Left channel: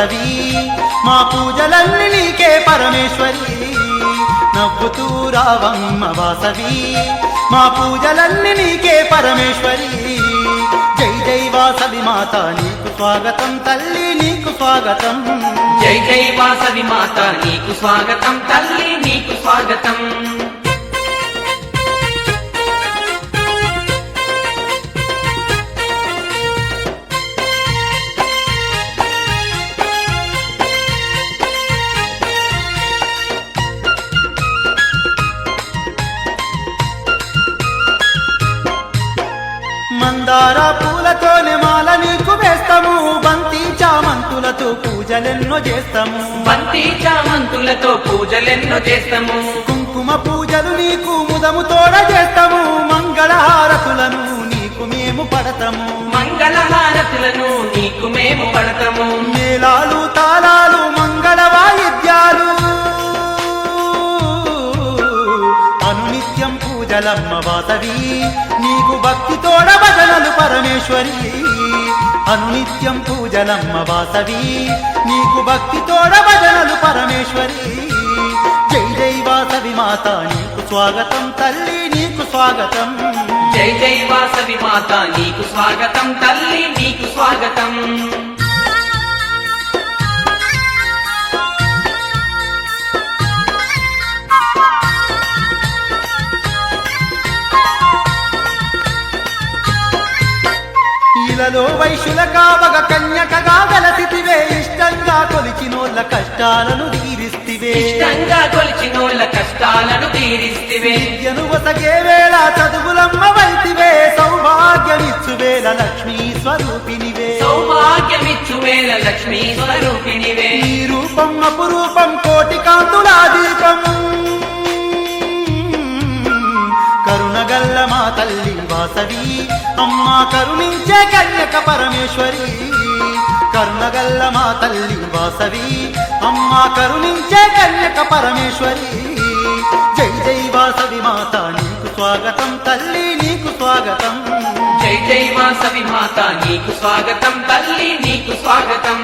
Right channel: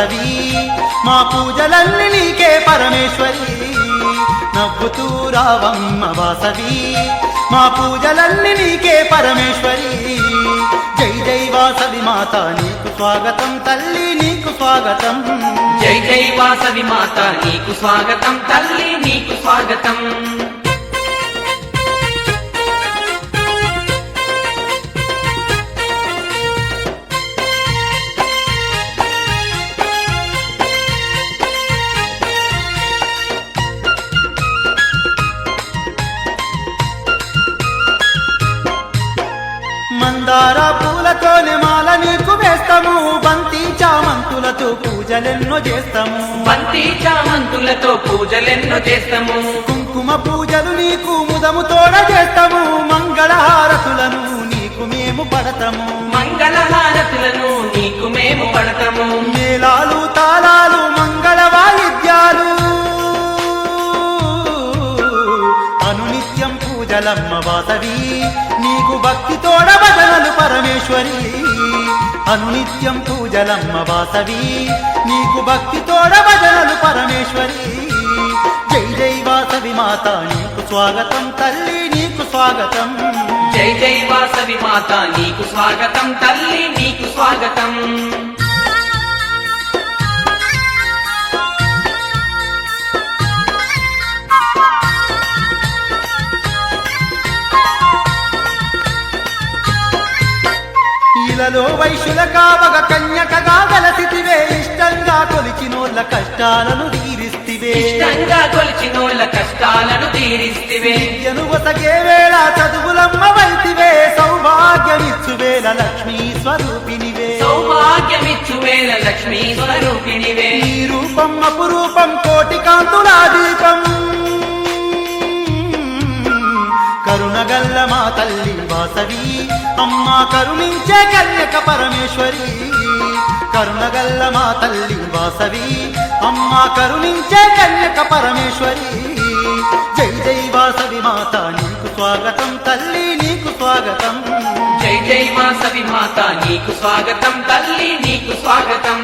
వాసవి మా పూజలన్నీ నీకే పరమేశ్వరి నవ్వుతూ రావమ్మ వాసవి మా పూజలన్నీ నీకే పరమేశ్వరి జై జై వాసవి మాత నీకు స్వాగతం తల్లి నీకు స్వాగతం జై జై వాసవి మాత నీకు స్వాగతం తల్లి నీకు స్వాగతం మందార పూలతోనే మాల నీకు వేస్తాము బంతి చామంతులతో పూజలెన్నో చేస్తాము బంతి చామంతులతో పూజలెన్నో చేస్తాము కుంకుమ పూజలు నీకు ముదము తోడ చేస్తాము మంగళహారతులను నీకు మేము పడతాము మంగళహారతులను నీకు మేము పడతాము మేళాలు తాళాలు మంగళ వాయిద్యాలు అనునిత్యం పూజలమ్మ వాసవి నీకు భక్తి తోడ భజనలు పరమేశ్వరి అనునిత్యం పూజలమ్మ వాసవి నీకు భక్తి తోడ భజనలు పరమేశ్వరి జై జై వాసవి మాత నీకు స్వాగతం తల్లి నీకు స్వాగతం జై జై వాసవి మాత నీకు స్వాగతం తల్లి నీకు స్వాగతం ఇలలో వైశ్యుల కావగ కన్యకగా గలసితివే ఇష్టంగా కొలిచినోళ్ళ కష్టాలను తీరిస్తివే ఇష్టంగా కొలిచినోళ్ళ కష్టాలను తీరిస్తివే విద్యను వసగే వేళ చదువులమ్మ వైతివే సౌభాగ్యమిచ్చు వేళ లక్ష్మీ స్వరూపినివే సౌభాగ్యమిచ్చు వేళ లక్ష్మీ స్వరూపినివే ఈ రూపం అపురూపం కోటి కాంతులా దీపం కరుణగల్ల మా తల్లి వాసవి అమ్మా కరుణించే కన్యక పరమేశ్వరి కరుణగల్ల మా తల్లి వాసవి అమ్మా కరుణించే కన్యక పరమేశ్వరి జై జై వాసవి మాత నీకు స్వాగతం తల్లి నీకు స్వాగతం జై జై వాసవి మాత నీకు స్వాగతం తల్లి నీకు స్వాగతం